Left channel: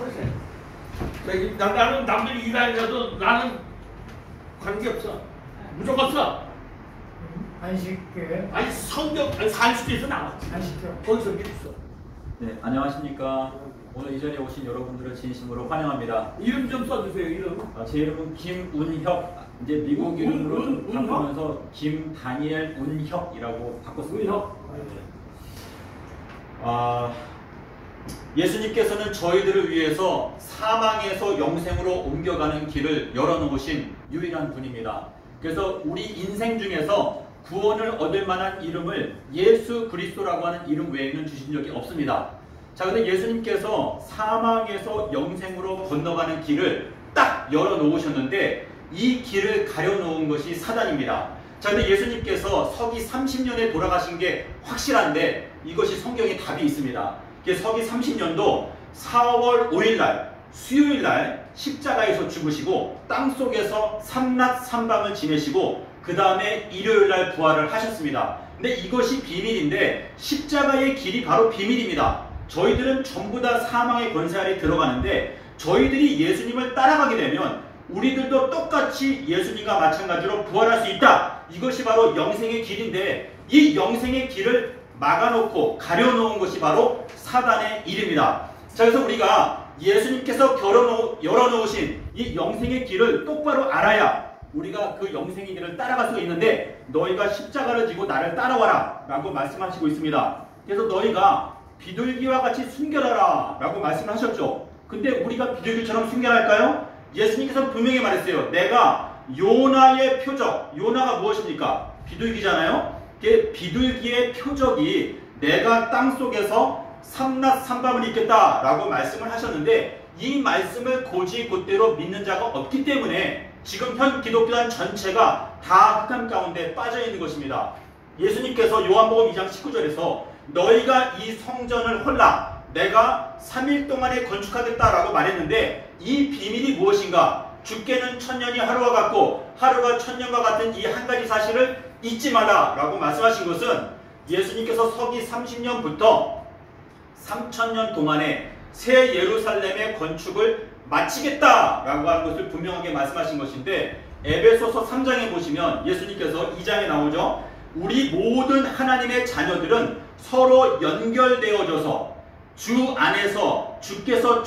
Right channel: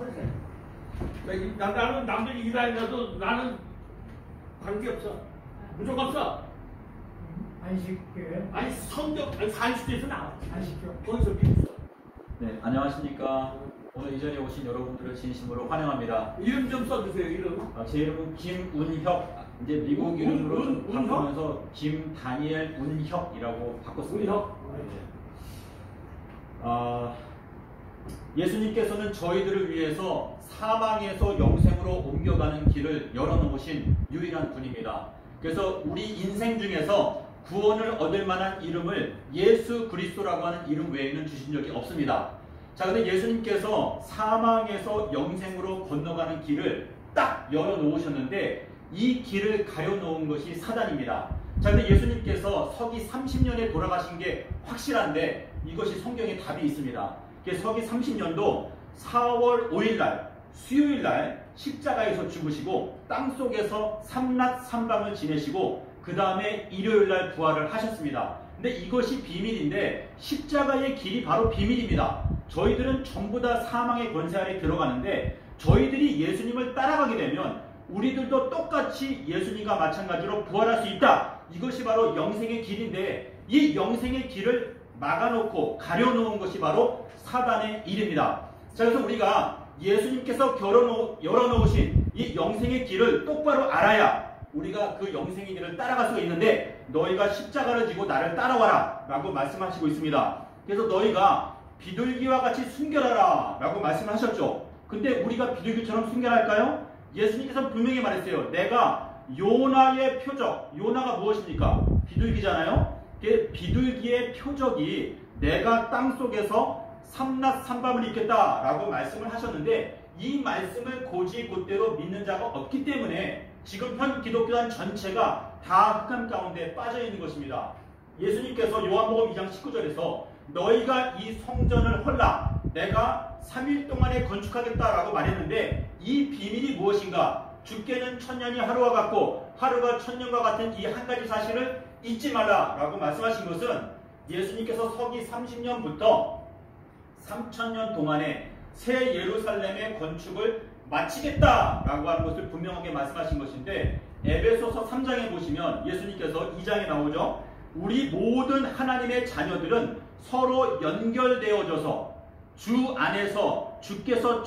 그래. 나는 남들이 일하면서도 나는 관계없어. 무조건 써. 안식교회. 아니 성경 산수에서 나왔지. 안식교. 거기서 미리 써. 네, 안녕하십니까. 오늘 이 자리에 오신 여러분들을 진심으로 환영합니다. 이름 좀 써주세요. 이름. 제 이름은 김운혁. 이제 미국 이름으로 좀 바꾸면서 김다니엘 운혁이라고 바꿨습니다. 예수님께서는 저희들을 위해서 사망에서 영생으로 옮겨가는 길을 열어놓으신 유일한 분입니다. 그래서 우리 인생 중에서 구원을 얻을 만한 이름을 예수 그리스도라고 하는 이름 외에는 주신 적이 없습니다. 자, 근데 예수님께서 사망에서 영생으로 건너가는 길을 딱 열어놓으셨는데 이 길을 가려놓은 것이 사단입니다. 자, 근데 예수님께서 서기 30년에 돌아가신 게 확실한데 이것이 성경에 답이 있습니다. 서기 30년도 4월 5일날 수요일날 십자가에서 죽으시고 땅속에서 삼낮 삼밤을 지내시고 그 다음에 일요일날 부활을 하셨습니다. 근데 이것이 비밀인데 십자가의 길이 바로 비밀입니다. 저희들은 전부 다 사망의 권세 아래 들어가는데 저희들이 예수님을 따라가게 되면 우리들도 똑같이 예수님과 마찬가지로 부활할 수 있다. 이것이 바로 영생의 길인데 이 영생의 길을 막아놓고 가려놓은 것이 바로 사단의 일입니다. 자, 그래서 우리가 예수님께서 열어놓으신 이 영생의 길을 똑바로 알아야 우리가 그 영생의 길을 따라갈 수가 있는데 너희가 십자가를 지고 나를 따라와라 라고 말씀하시고 있습니다. 그래서 너희가 비둘기와 같이 순결하라 라고 말씀하셨죠. 근데 우리가 비둘기처럼 순결할까요? 예수님께서 분명히 말했어요. 내가 요나의 표적, 요나가 무엇입니까? 비둘기잖아요. 비둘기의 표적이 내가 땅속에서 삼낮 삼밤을 있겠다 라고 말씀을 하셨는데 이 말씀을 곧이곧대로 믿는 자가 없기 때문에 지금 현 기독교단 전체가 다 흑암 가운데 빠져 있는 것입니다. 예수님께서 요한복음 2장 19절에서 너희가 이 성전을 헐라 내가 3일 동안에 건축하겠다라고 말했는데 이 비밀이 무엇인가? 주께는 천년이 하루와 같고 하루가 천년과 같은 이 한 가지 사실을 잊지 말라라고 말씀하신 것은 예수님께서 서기 30년부터 3000년 동안에 새 예루살렘의 건축을 마치겠다라고 하는 것을 분명하게 말씀하신 것인데 에베소서 3장에 보시면 예수님께서 2장에 나오죠. 우리 모든 하나님의 자녀들은 서로 연결되어져서 주 안에서 주께서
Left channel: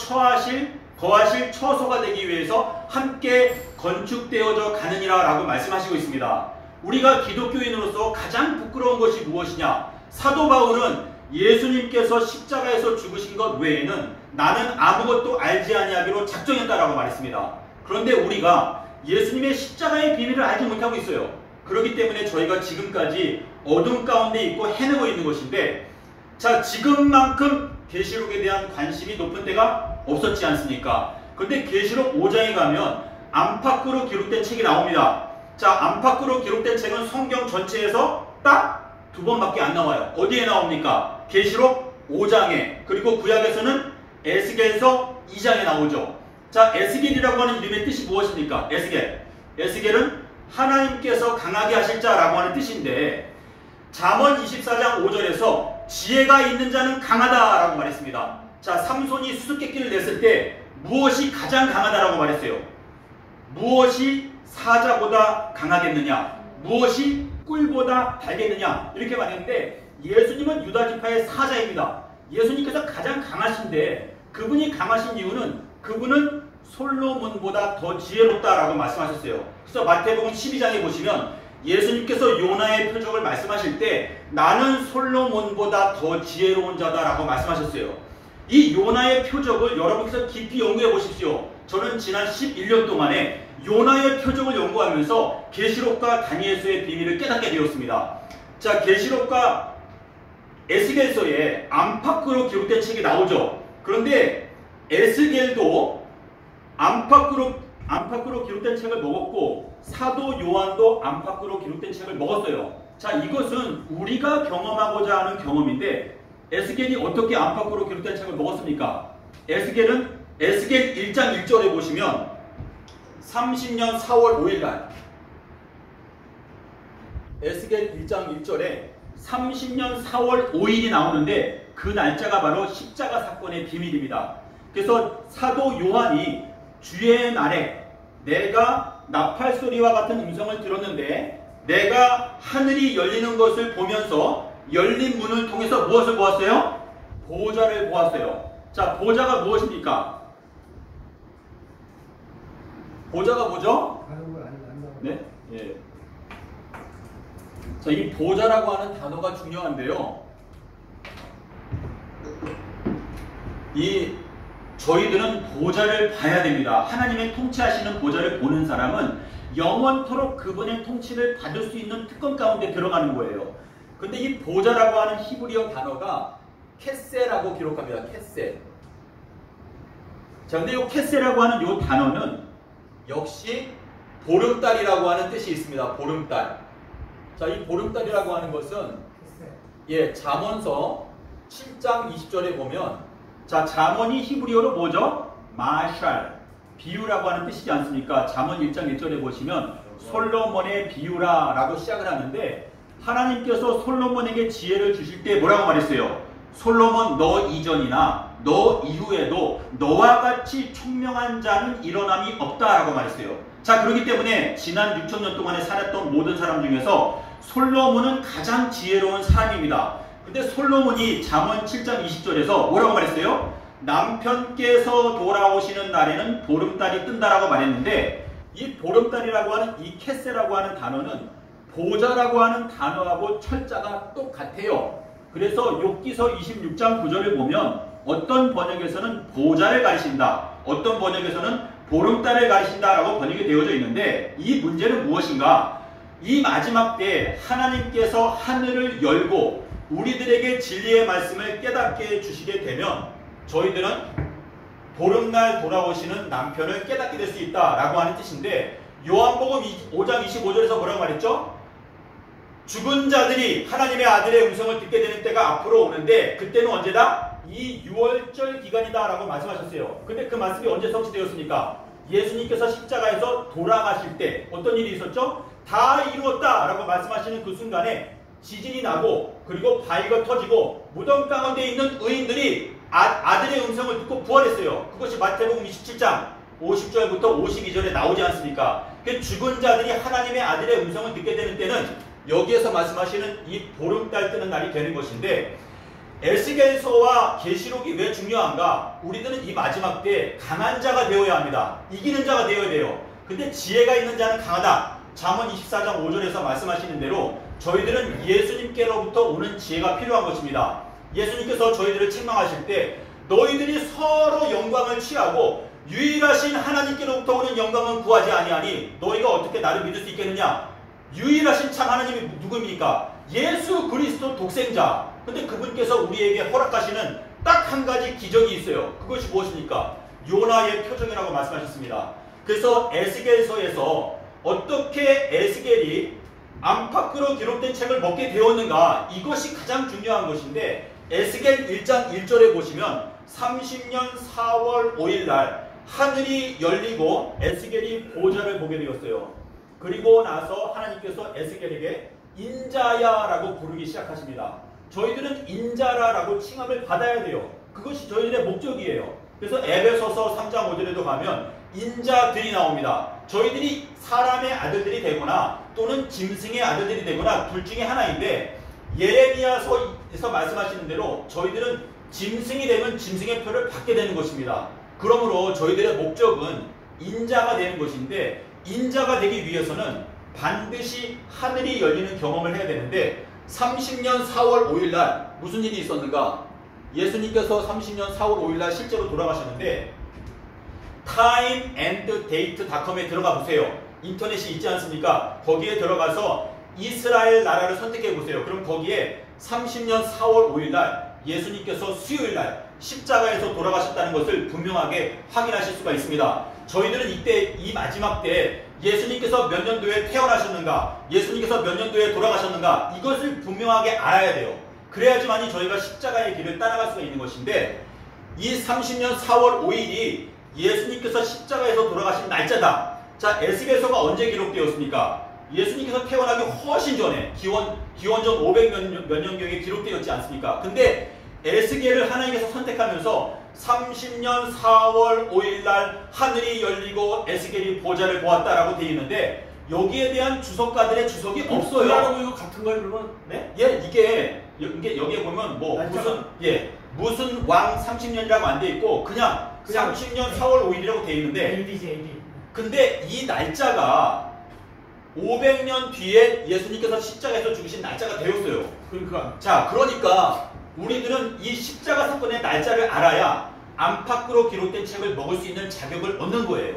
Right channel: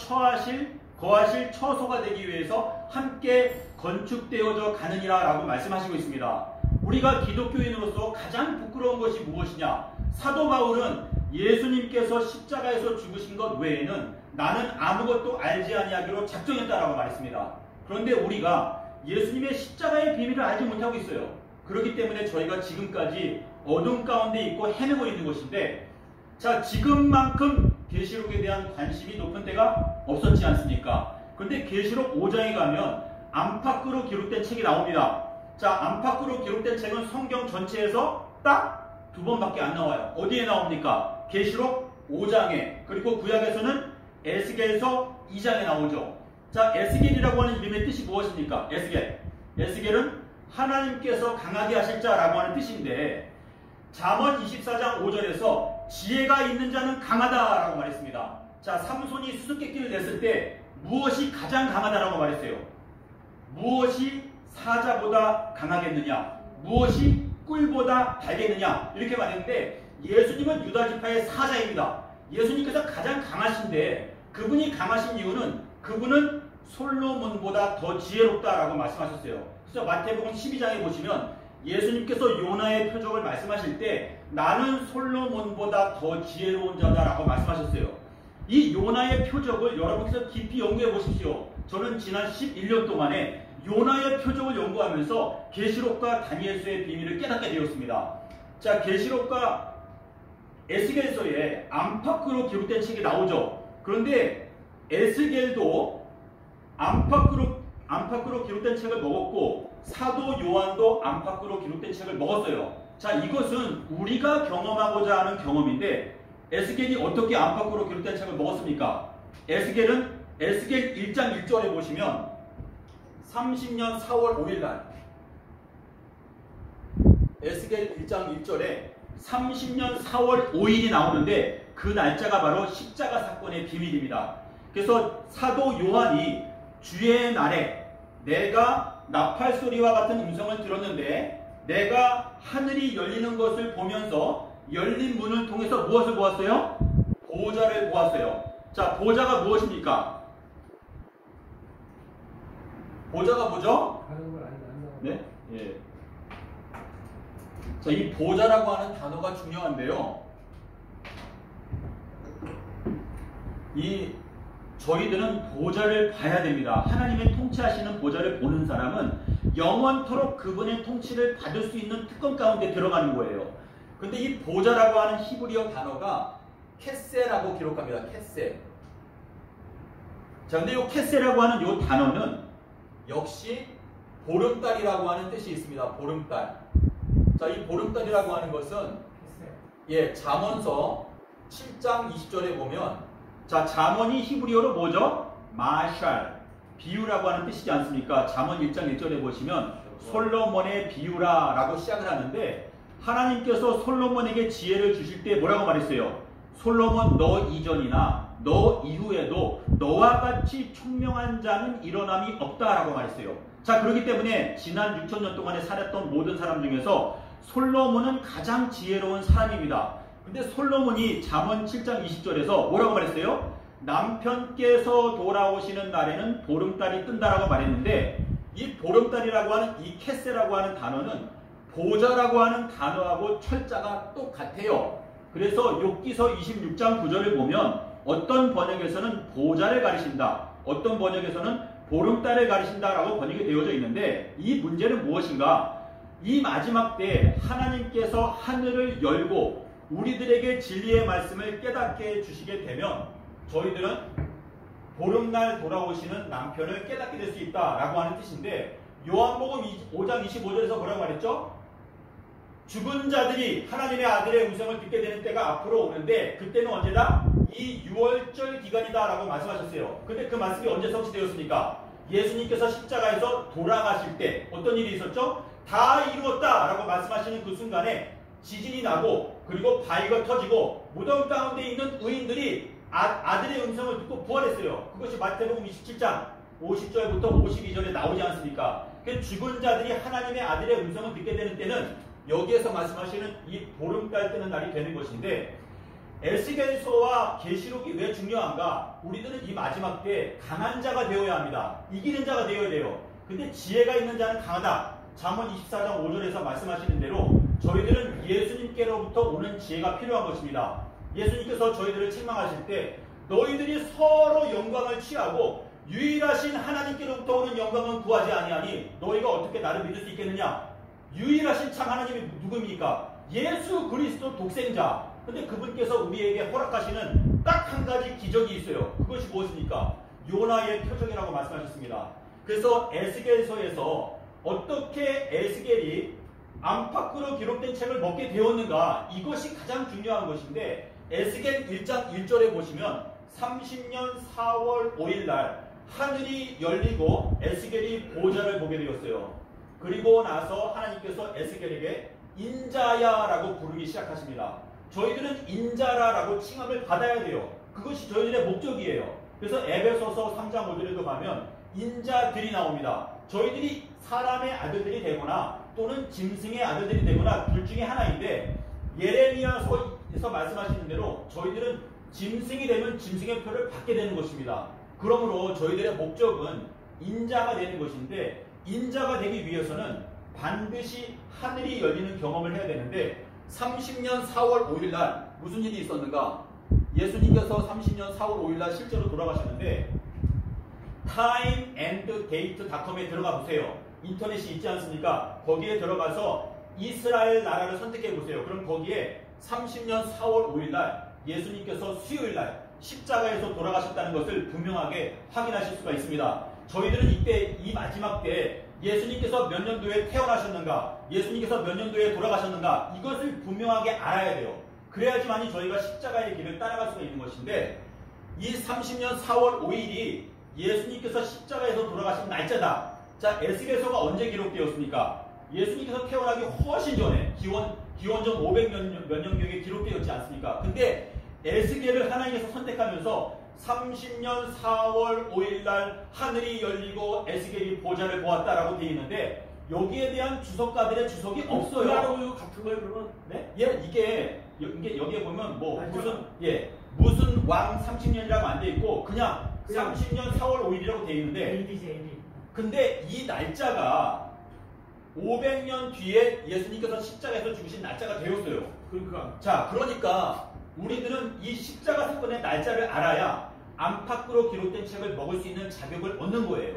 거하실 처소가 되기 위해서 함께 건축되어져 가느니라 라고 말씀하시고 있습니다. 우리가 기독교인으로서 가장 부끄러운 것이 무엇이냐? 사도 바울은 예수님께서 십자가에서 죽으신 것 외에는 나는 아무것도 알지 아니하기로 작정했다라고 말했습니다. 그런데 우리가 예수님의 십자가의 비밀을 알지 못하고 있어요. 그렇기 때문에 저희가 지금까지 어둠 가운데 있고 헤매고 있는 것인데 자, 지금만큼 계시록에 대한 관심이 높은 때가 없었지 않습니까? 그런데 계시록 5장에 가면 안팎으로 기록된 책이 나옵니다. 자, 안팎으로 기록된 책은 성경 전체에서 딱 2번밖에 안 나와요. 어디에 나옵니까? 계시록 5장에 그리고 구약에서는 에스겔서 2장에 나오죠. 자, 에스겔이라고 하는 이름의 뜻이 무엇입니까? 에스겔은 하나님께서 강하게 하실 자라고 하는 뜻인데 잠언 24장 5절에서 지혜가 있는 자는 강하다라고 말했습니다. 자, 삼손이 수수께끼를 냈을 때 무엇이 가장 강하다라고 말했어요? 무엇이 사자보다 강하겠느냐? 무엇이 꿀보다 달겠느냐? 이렇게 말했는데 예수님은 유다지파의 사자입니다. 예수님께서 가장 강하신데 그분이 강하신 이유는 그분은 솔로몬보다 더 지혜롭다라고 말씀하셨어요. 그래서 마태복음 12장에 보시면 예수님께서 요나의 표적을 말씀하실 때 나는 솔로몬보다 더 지혜로운 자다라고 말씀하셨어요. 이 요나의 표적을 여러분께서 깊이 연구해 보십시오. 저는 지난 11년 동안에 요나의 표적을 연구하면서 계시록과 다니엘서의 비밀을 깨닫게 되었습니다. 자, 계시록과 에스겔서에 안팎으로 기록된 책이 나오죠. 그런데 에스겔도 안팎으로 기록된 책을 먹었고 사도 요한도 안팎으로 기록된 책을 먹었어요. 자, 이것은 우리가 경험하고자 하는 경험인데 에스겔이 어떻게 안팎으로 기록된 책을 먹었습니까? 에스겔 1장 1절에 보시면 30년 4월 5일날 에스겔 1장 1절에 30년 4월 5일이 나오는데 그 날짜가 바로 십자가 사건의 비밀입니다. 그래서 사도 요한이 주의 날에 내가 나팔 소리와 같은 음성을 들었는데 내가 하늘이 열리는 것을 보면서 열린 문을 통해서 무엇을 보았어요? 보좌를 보았어요. 자, 보좌가 무엇입니까? 보좌가 뭐죠? 다른 걸 안다고. 네? 예. 자, 이 보좌라고 하는 단어가 중요한데요. 저희들은 보좌를 봐야 됩니다. 하나님의 통치하시는 보좌를 보는 사람은 영원토록 그분의 통치를 받을 수 있는 특권 가운데 들어가는 거예요. 근데 이 보좌라고 하는 히브리어 단어가 캐세라고 기록합니다. 캐세. 자, 근데 이 캐세라고 하는 이 단어는 역시 보름달이라고 하는 뜻이 있습니다. 보름달. 자, 이 보름달이라고 하는 것은 잠언서 7장 20절에 보면 자, 잠언이 히브리어로 뭐죠? 마샬, 비유라고 하는 뜻이지 않습니까? 잠언 1장 1절에 보시면 솔로몬의 비유라 라고 시작을 하는데 하나님께서 솔로몬에게 지혜를 주실 때 뭐라고 말했어요? 솔로몬 너 이전이나 너 이후에도 너와 같이 총명한 자는 일어남이 없다라고 말했어요. 자, 그렇기 때문에 지난 6,000년 동안에 살았던 모든 사람 중에서 솔로몬은 가장 지혜로운 사람입니다. 근데 솔로몬이 잠언 7장 20절에서 뭐라고 말했어요? 남편께서 돌아오시는 날에는 보름달이 뜬다라고 말했는데 이 보름달이라고 하는 이 캐세라고 하는 단어는 보좌라고 하는 단어하고 철자가 똑같아요. 그래서 욥기서 26장 9절을 보면 어떤 번역에서는 보좌를 가리킨다, 어떤 번역에서는 보름달을 가리킨다라고 번역이 되어져 있는데 이 문제는 무엇인가? 이 마지막 때에 하나님께서 하늘을 열고 우리들에게 진리의 말씀을 깨닫게 해주시게 되면 저희들은 보름날 돌아오시는 남편을 깨닫게 될 수 있다라고 하는 뜻인데 요한복음 5장 25절에서 뭐라고 말했죠? 죽은 자들이 하나님의 아들의 음성을 듣게 되는 때가 앞으로 오는데 그때는 언제다? 이 6월절 기간이다 라고 말씀하셨어요. 근데 그 말씀이 언제 성취되었습니까? 예수님께서 십자가에서 돌아가실 때 어떤 일이 있었죠? 다 이루었다 라고 말씀하시는 그 순간에 지진이 나고 그리고 바위가 터지고 무덤 가운데 있는 의인들이 아들의 음성을 듣고 부활했어요. 그것이 마태복음 27장 50절부터 52절에 나오지 않습니까? 그 죽은 자들이 하나님의 아들의 음성을 듣게 되는 때는 여기에서 말씀하시는 이 보름달 뜨는 날이 되는 것인데 에스겔서와 계시록이 왜 중요한가? 우리들은 이 마지막 때 강한 자가 되어야 합니다. 이기는 자가 되어야 돼요. 근데 지혜가 있는 자는 강하다. 잠언 24장 5절에서 말씀하시는 대로 저희들은 예수님께로부터 오는 지혜가 필요한 것입니다. 예수님께서 저희들을 책망하실 때 너희들이 서로 영광을 취하고 유일하신 하나님께로부터 오는 영광은 구하지 아니하니 너희가 어떻게 나를 믿을 수 있겠느냐? 유일하신 참 하나님이 누구입니까? 예수 그리스도 독생자. 근데 그분께서 우리에게 허락하시는 딱 한 가지 기적이 있어요. 그것이 무엇입니까? 요나의 표적이라고 말씀하셨습니다. 그래서 에스겔서에서 어떻게 에스겔이 안팎으로 기록된 책을 먹게 되었는가, 이것이 가장 중요한 것인데 에스겔 1장 1절에 보시면 30년 4월 5일 날 하늘이 열리고 에스겔이 보좌를 보게 되었어요. 그리고 나서 하나님께서 에스겔에게 인자야라고 부르기 시작하십니다. 저희들은 인자라라고 칭함을 받아야 돼요. 그것이 저희들의 목적이에요. 그래서 에베소서 3장 5절에도 가면 인자들이 나옵니다. 저희들이 사람의 아들들이 되거나 또는 짐승의 아들들이 되거나 둘 중에 하나인데 예레미야서에서 말씀하시는 대로 저희들은 짐승이 되면 짐승의 표를 받게 되는 것입니다. 그러므로 저희들의 목적은 인자가 되는 것인데 인자가 되기 위해서는 반드시 하늘이 열리는 경험을 해야 되는데 30년 4월 5일 날 무슨 일이 있었는가? 예수님께서 30년 4월 5일 날 실제로 돌아가셨는데 timeanddate.com에 들어가 보세요. 인터넷이 있지 않습니까? 거기에 들어가서 이스라엘 나라를 선택해 보세요. 그럼 거기에 30년 4월 5일 날 예수님께서 수요일 날 십자가에서 돌아가셨다는 것을 분명하게 확인하실 수가 있습니다. 저희들은 이때 이 마지막 때 예수님께서 몇 년도에 태어나셨는가, 예수님께서 몇 년도에 돌아가셨는가, 이것을 분명하게 알아야 돼요. 그래야지만이 저희가 십자가의 길을 따라갈 수가 있는 것인데 이 30년 4월 5일이 예수님께서 십자가에서 돌아가신 날짜다. 자, 에스겔서가 언제 기록되었습니까? 예수님께서 태어나기 훨씬 전에 기원전 500몇 년경에 기록되었지 않습니까? 근데 에스겔을 하나님께서 선택하면서 30년 4월 5일 날 하늘이 열리고 에스겔이 보좌를 보았다라고 되어 있는데 여기에 대한 주석가들의 주석이 없어요. 이거 같은 거예요, 그러면? 네? 예, 이게 여기에 보면 뭐 무슨 왕 30년이라고 안 돼 있고 그냥 30년 4월 5일이라고 돼 있는데 AD. 근데 이 날짜가 500년 뒤에 예수님께서 십자가에서 죽으신 날짜가 되었어요. 그러니까. 자, 그러니까 우리들은 이 십자가 사건의 날짜를 알아야 안팎으로 기록된 책을 먹을 수 있는 자격을 얻는 거예요.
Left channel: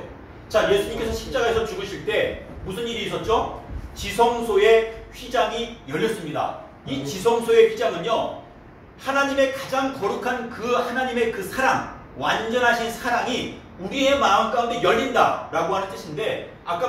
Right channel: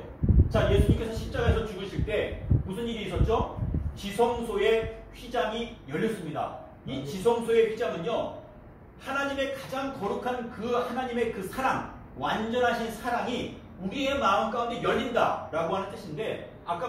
자, 예수님께서 십자가에서 죽으실 때 무슨 일이 있었죠? 지성소의 휘장이 열렸습니다. 이 지성소의 휘장은요, 하나님의 가장 거룩한 그 하나님의 그 사랑, 완전하신 사랑이 우리의 마음 가운데 열린다라고 하는 뜻인데, 아까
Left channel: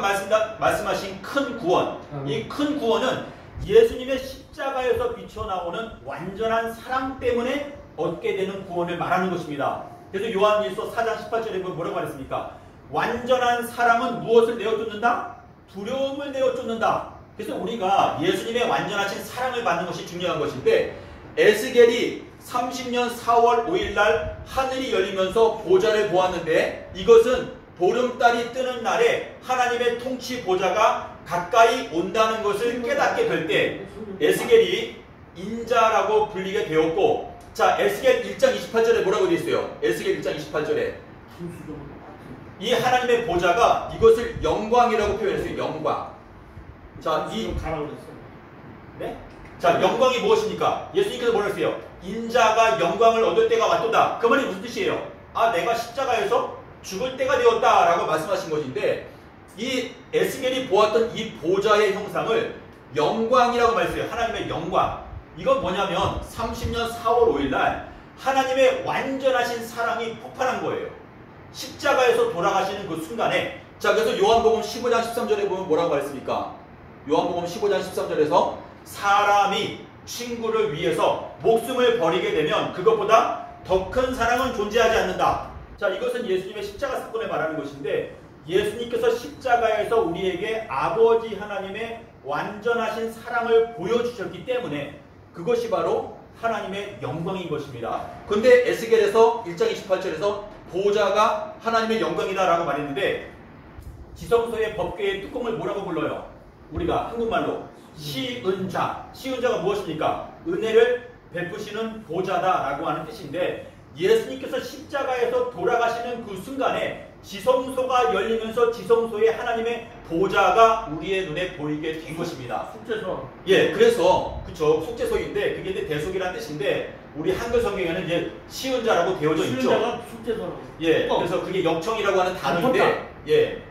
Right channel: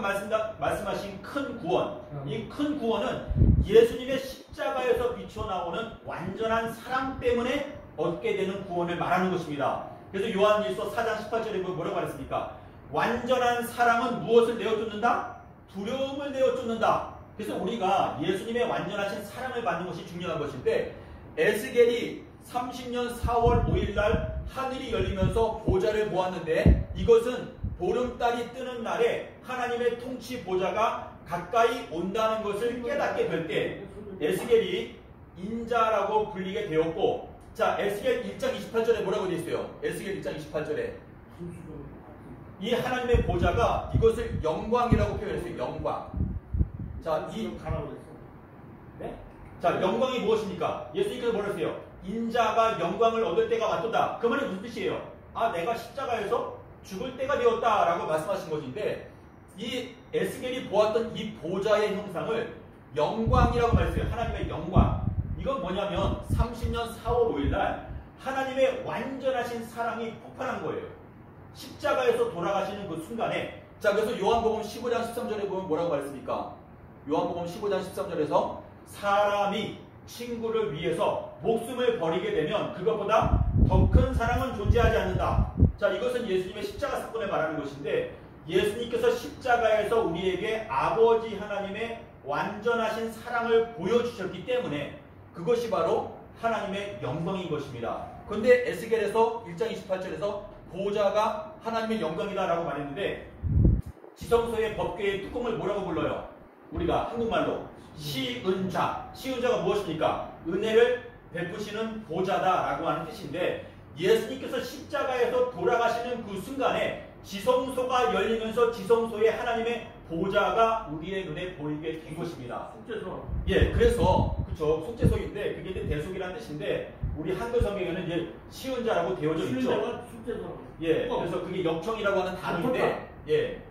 말씀하신 큰 구원, 이 큰 구원은 예수님의 십자가에서 비춰나오는 완전한 사랑 때문에 얻게 되는 구원을 말하는 것입니다. 그래서 요한일서 4장 18절에 뭐라고 말했습니까? 완전한 사랑은 무엇을 내어쫓는다? 두려움을 내어쫓는다. 그래서 우리가 예수님의 완전하신 사랑을 받는 것이 중요한 것인데, 에스겔이 30년 4월 5일 날 하늘이 열리면서 보좌를 보았는데, 이것은 보름달이 뜨는 날에 하나님의 통치 보좌가 가까이 온다는 것을 깨닫게 될 때 에스겔이 인자라고 불리게 되었고, 자, 에스겔 1장 28절에 뭐라고 되어 있어요? 에스겔 1장 28절에 이 하나님의 보좌가 이것을 영광이라고 표현했어요. 영광. 자, 네? 자, 영광이 무엇입니까? 예수님께서 뭐라 했어요? 인자가 영광을 얻을 때가 왔도다. 그 말이 무슨 뜻이에요? 아, 내가 십자가에서 죽을 때가 되었다라고 말씀하신 것인데, 이 에스겔이 보았던 이 보좌의 형상을 영광이라고 말했어요. 하나님의 영광. 이건 뭐냐면 30년 4월 5일 날 하나님의 완전하신 사랑이 폭발한 거예요. 십자가에서 돌아가시는 그 순간에. 자, 그래서 요한복음 15장 13절에 보면 뭐라고 말했습니까? 요한복음 15장 13절에서 사람이 친구를 위해서 목숨을 버리게 되면 그것보다 더 큰 사랑은 존재하지 않는다. 자, 이것은 예수님의 십자가 사건을 말하는 것인데, 예수님께서 십자가에서 우리에게 아버지 하나님의 완전하신 사랑을 보여주셨기 때문에 그것이 바로 하나님의 영광인 것입니다. 근데 에스겔에서 1장 28절에서 보좌가 하나님의 영광이다라고 말했는데, 지성소의 법궤의 뚜껑을 뭐라고 불러요? 우리가 한국말로 시은자. 시은자가 무엇입니까? 은혜를 베푸시는 보좌다라고 하는 뜻인데, 예수님께서 십자가에서 돌아가시는 그 순간에 지성소가 열리면서 지성소에 하나님의 보좌가 우리의 눈에 보이게 된 것입니다. 숙제소. 예, 그래서 그쵸, 숙제소인데 그게 이제 대속이라는 뜻인데, 우리 한글 성경에는 이제 시은자라고 되어져 있죠. 시은자가 숙제소라고. 예, 그래서 그게 역청이라고 하는 단어인데, 예,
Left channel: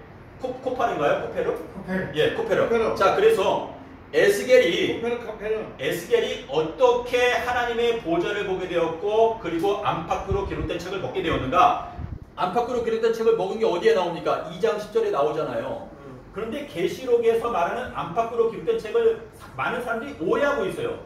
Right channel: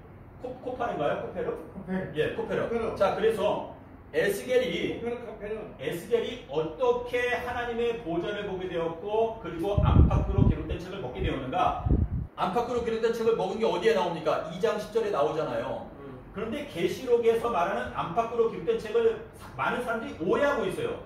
코파른가요? 코페르? 예, 코페르. 자, 그래서 에스겔이 어떻게 하나님의 보좌를 보게 되었고, 그리고 안팎으로 기록된 책을 먹게 되었는가? 안팎으로 기록된 책을 먹은 게 어디에 나옵니까? 2장 10절에 나오잖아요. 그런데 계시록에서 말하는 안팎으로 기록된 책을 많은 사람들이 오해하고 있어요.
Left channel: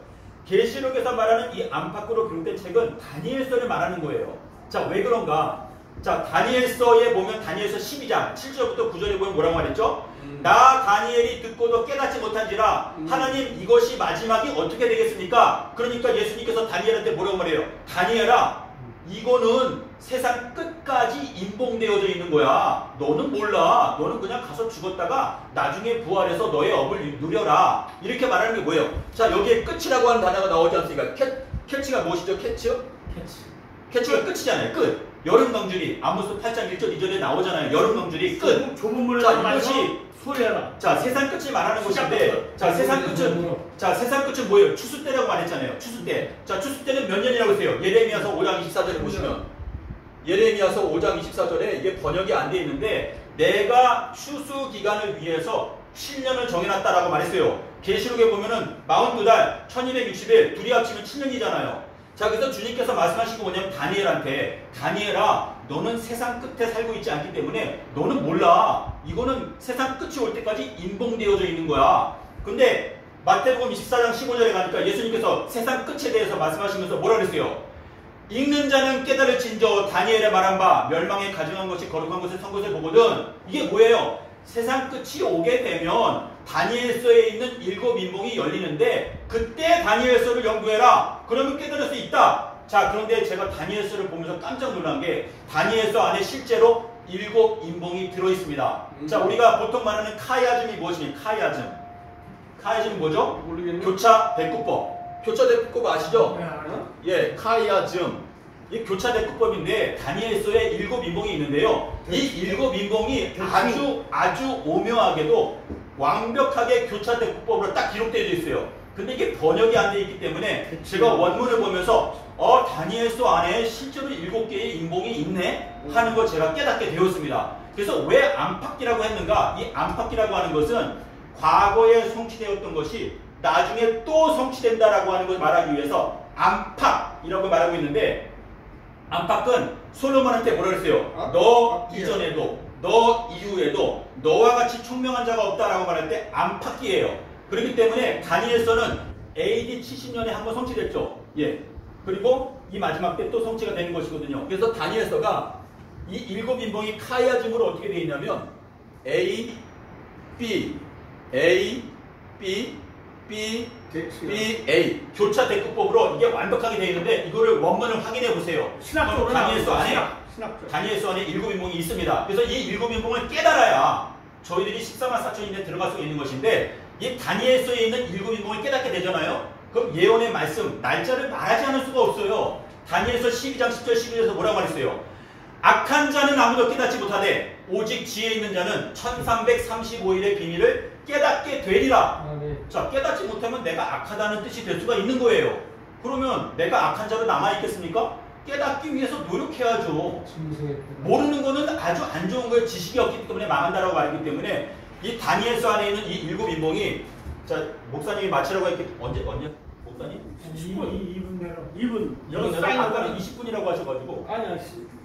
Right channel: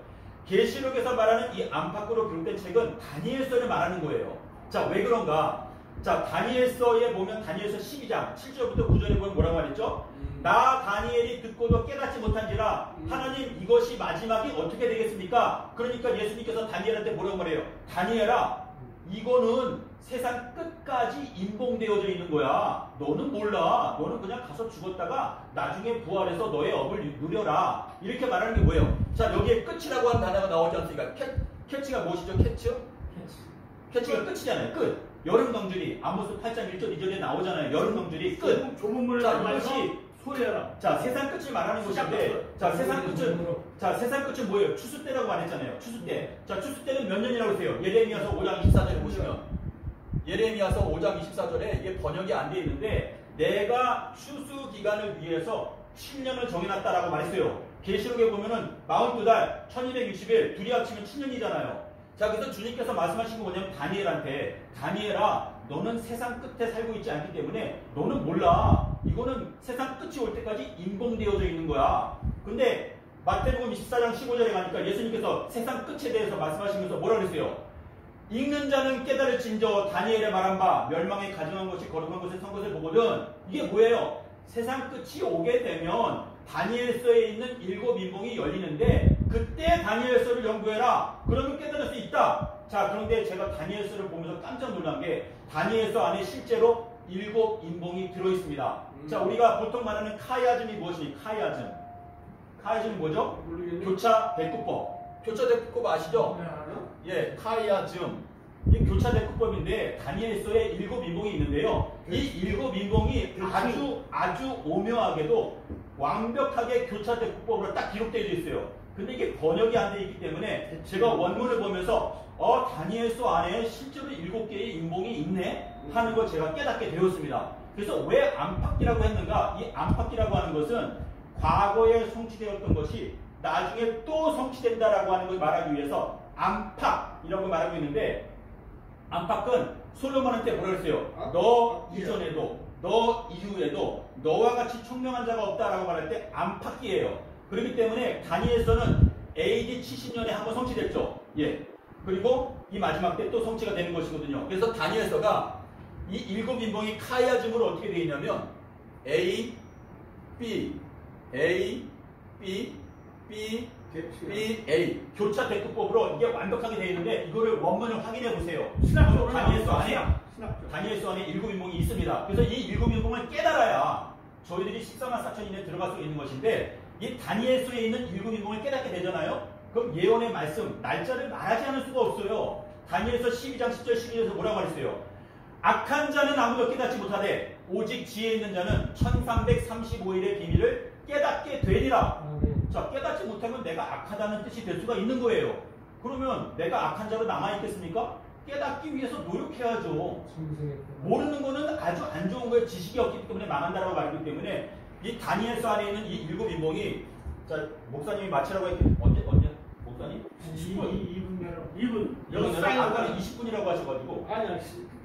계시록에서 말하는 이 안팎으로 기록된 책은 다니엘서를 말하는 거예요. 자, 왜 그런가? 자, 다니엘서에 보면 다니엘서 12장 7절부터 9절에 보면 뭐라고 말했죠? 나 다니엘이 듣고도 깨닫지 못한지라 하나님, 이것이 마지막이 어떻게 되겠습니까? 그러니까 예수님께서 다니엘한테 뭐라고 말해요? 다니엘아, 이거는 세상 끝까지 임봉되어져 있는 거야. 너는 몰라. 너는 그냥 가서 죽었다가 나중에 부활해서 너의 업을 누려라. 이렇게 말하는 게 뭐예요? 자, 여기에 끝이라고 하는 단어가 나오지 않습니까? 캐치가 무엇이죠? 캐치가 끝이잖아요. 끝. 여름 강줄이 아모스 8장 1절 2절에 나오잖아요. 여름 강줄이 끝. 자, 이것이 소리하라. 자, 세상 끝을 말하는 것인데, 자, 세상 끝은 뭐예요? 추수 때라고 말했잖아요. 추수 때. 자, 추수 때는 몇 년이라고 했어요? 예레미야서 5장 24절에 보시면, 예레미야서 5장 24절에 이게 번역이 안 돼 있는데, 내가 추수 기간을 위해서 7년을 정해놨다라고 말했어요. 계시록에 보면은 42달 1260일 둘이 합치면 7년이잖아요. 자, 그래서 주님께서 말씀하신 거 뭐냐면 다니엘한테, 다니엘아, 너는 세상 끝에 살고 있지 않기 때문에 너는 몰라. 이거는 세상 끝이 올 때까지 임봉되어져 있는 거야. 근데 마태복음 24장 15절에 가니까 예수님께서 세상 끝에 대해서 말씀하시면서 뭐라 그랬어요? 읽는 자는 깨달을진저 다니엘의 말한 바 멸망에 가증한 것이 거룩한 것을 선 것을 보거든. 이게 뭐예요? 세상 끝이 오게 되면 다니엘서에 있는 7 인봉이 열리는데, 그때 다니엘서를 연구해라. 그러면 깨달을 수 있다. 자, 그런데 제가 다니엘서를 보면서 깜짝 놀란 게 다니엘서 안에 실제로 7인봉이 들어있습니다. 자, 우리가 보통 말하는 카이아즘이 무엇입니까? 카이아즘이 뭐죠? 모르겠네. 교차 대꾸법. 교차 대꾸법 아시죠? 네, 알아요. 예, 카이아즘. 이 교차 대꾸법인데 다니엘서에 7인봉이 있는데요. 이 7인봉이 아주 오묘하게도 완벽하게 교차 대꾸법으로 딱 기록되어 있어요. 근데 이게 번역이 안 돼 있기 때문에 제가 원문을 보면서 다니엘서 안에 실제로 7개의 인봉이 있네 하는 걸 제가 깨닫게 되었습니다. 그래서 왜 안팎이라고 했는가? 이 안팎이라고 하는 것은 과거에 성취되었던 것이 나중에 또 성취된다라고 하는 걸 말하기 위해서 안팎이라고 말하고 있는데, 안팎은 솔로몬한테 뭐라 그랬어요? 너 이전에도 너 이후에도 너와 같이 총명한 자가 없다라고 말할 때 안팎이에요. 그렇기 때문에 다니엘서는 AD 70년에 한번 성취됐죠. 예. 그리고 이 마지막 때 또 성취가 되는 것이거든요. 그래서 다니엘서가 이 7인봉이 카이아즘으로 어떻게 되어 있냐면 A, B, A, B, B, B, A 교차 대꾸법으로 이게 완벽하게 되어 있는데, 이거를 원문을 확인해 보세요. 신학적으로 다니엘서 안에 신학적. 다니엘서 안에 7인봉이 있습니다. 그래서 이 7인봉을 깨달아야 저희들이 14만 4천인에 들어갈 수 있는 것인데, 이 다니엘서에 있는 7인봉을 깨닫게 되잖아요. 그럼 예언의 말씀, 날짜를 말하지 않을 수가 없어요. 다니엘서 12장 10절 11절에서 뭐라고 말했어요? 악한 자는 아무도 깨닫지 못하되 오직 지혜 있는 자는 1335일의 비밀을 깨닫게 되리라. 네. 자, 깨닫지 못하면 내가 악하다는 뜻이 될 수가 있는 거예요. 그러면 내가 악한 자로 남아있겠습니까? 깨닫기 위해서 노력해야죠. 모르는 거는 아주 안 좋은 거예요. 지식이 없기 때문에 망한다라고 말했기 때문에 이 다니엘서 안에 있는 이 7인봉이, 자, 목사님이 마치라고 했기 언제 목사님? 2분 내로. 2분. 이건 내가 아까는 20분이라고 하셔가지고. 아니야.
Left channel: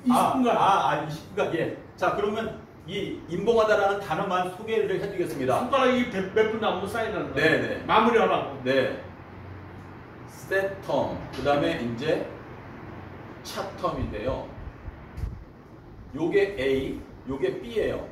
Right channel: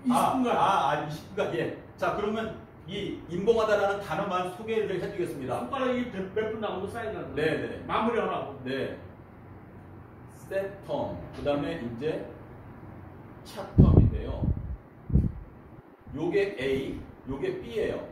20분간. 20분간. 예. 자, 그러면 이 인봉하다라는 단어만 소개를 해드리겠습니다. 손가락이 몇 분 남고 쌓이는 거. 네네. 마무리하라고. 네. 세텀. 그 다음에 이제 차텀인데요. 요게 A, 요게 B예요.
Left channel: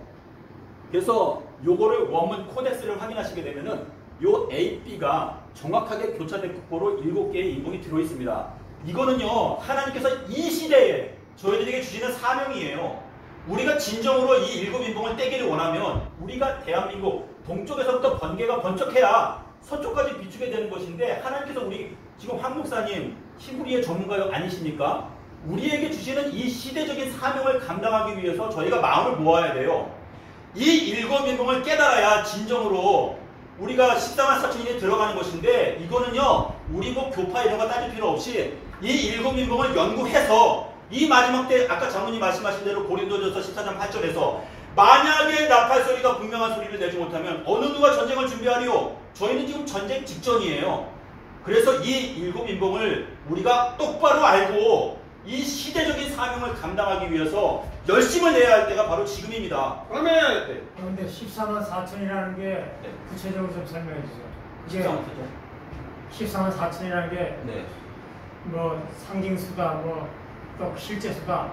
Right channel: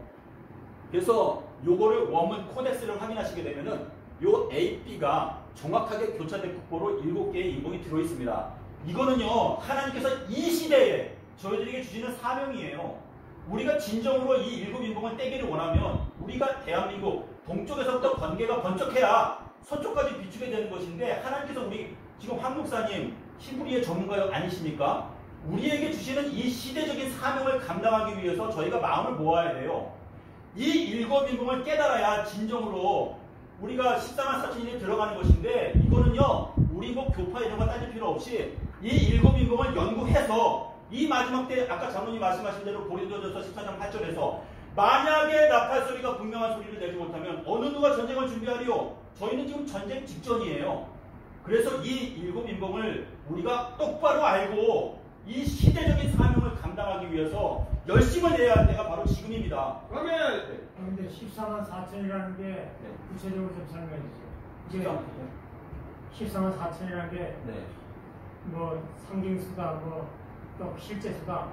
그래서 요거를 원문 코덱스를 확인하시게 되면은 요 A, B가 정확하게 교차된 국보로 7개의 인봉이 들어있습니다. 이거는요, 하나님께서 이 시대에 저희들에게 주시는 사명이에요. 우리가 진정으로 이 7인봉을 떼기를 원하면 우리가 대한민국 동쪽에서부터 번개가 번쩍해야 서쪽까지 비추게 되는 것인데, 하나님께서 우리 지금 황 목사님 히브리의 전문가 아니십니까? 우리에게 주시는 이 시대적인 사명을 감당하기 위해서 저희가 마음을 모아야 돼요. 이 7인봉을 깨달아야 진정으로 우리가 14만 4천인에 들어가는 것인데, 이거는요, 우리 뭐 교파 이런 거 따질 필요 없이 이 7인봉을 연구해서 이 마지막 때 아까 장로님 말씀하신 대로 고린도전서 14장 8절에서 만약에 나팔 소리가 분명한 소리를 내지 못하면 어느 누가 전쟁을 준비하리요? 저희는 지금 전쟁 직전이에요. 그래서 이 7인봉을 우리가 똑바로 알고 이 시대적인 사명을 감당하기 위해서 열심을 내야 할 때가 바로 지금입니다. 그러면 그런데 14만 4천이라는 게 구체적으로 좀 설명해 주세요. 이게 14만 4천이라는 게 뭐 상징수다, 뭐 또 실제수다,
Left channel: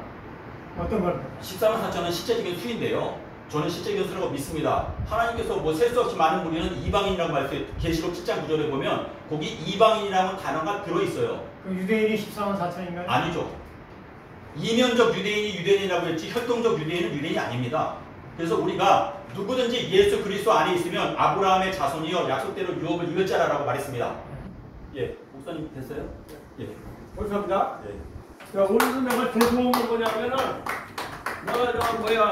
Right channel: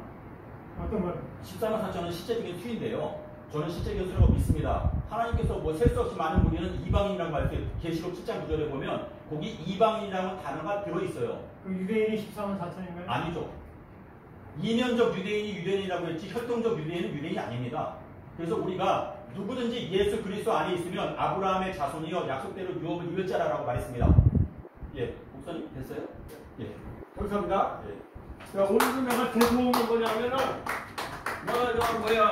어떤 걸? 14만 4천은 실제적인 수인데요. 저는 실제적인 수라고 믿습니다. 하나님께서 뭐 셀 수 없이 많은 무리는 이방인이라고 말했어요. 계시록 7장 9절에 보면 거기 이방인이라는 단어가 들어있어요. 그 유대인이 14만 4천인가요? 아니죠. 이면적 유대인이 유대인이라고 했지 혈통적 유대인은 유대인이 아닙니다. 그래서 우리가 누구든지 예수 그리스도 안에 있으면 아브라함의 자손이여 약속대로 유업을 이을 자라라고 말했습니다. 예, 목사님 됐어요? 예. 감사합니다. 예. 자, 오늘은 내가 죄송한 건 뭐냐면은, 내가 저 뭐야.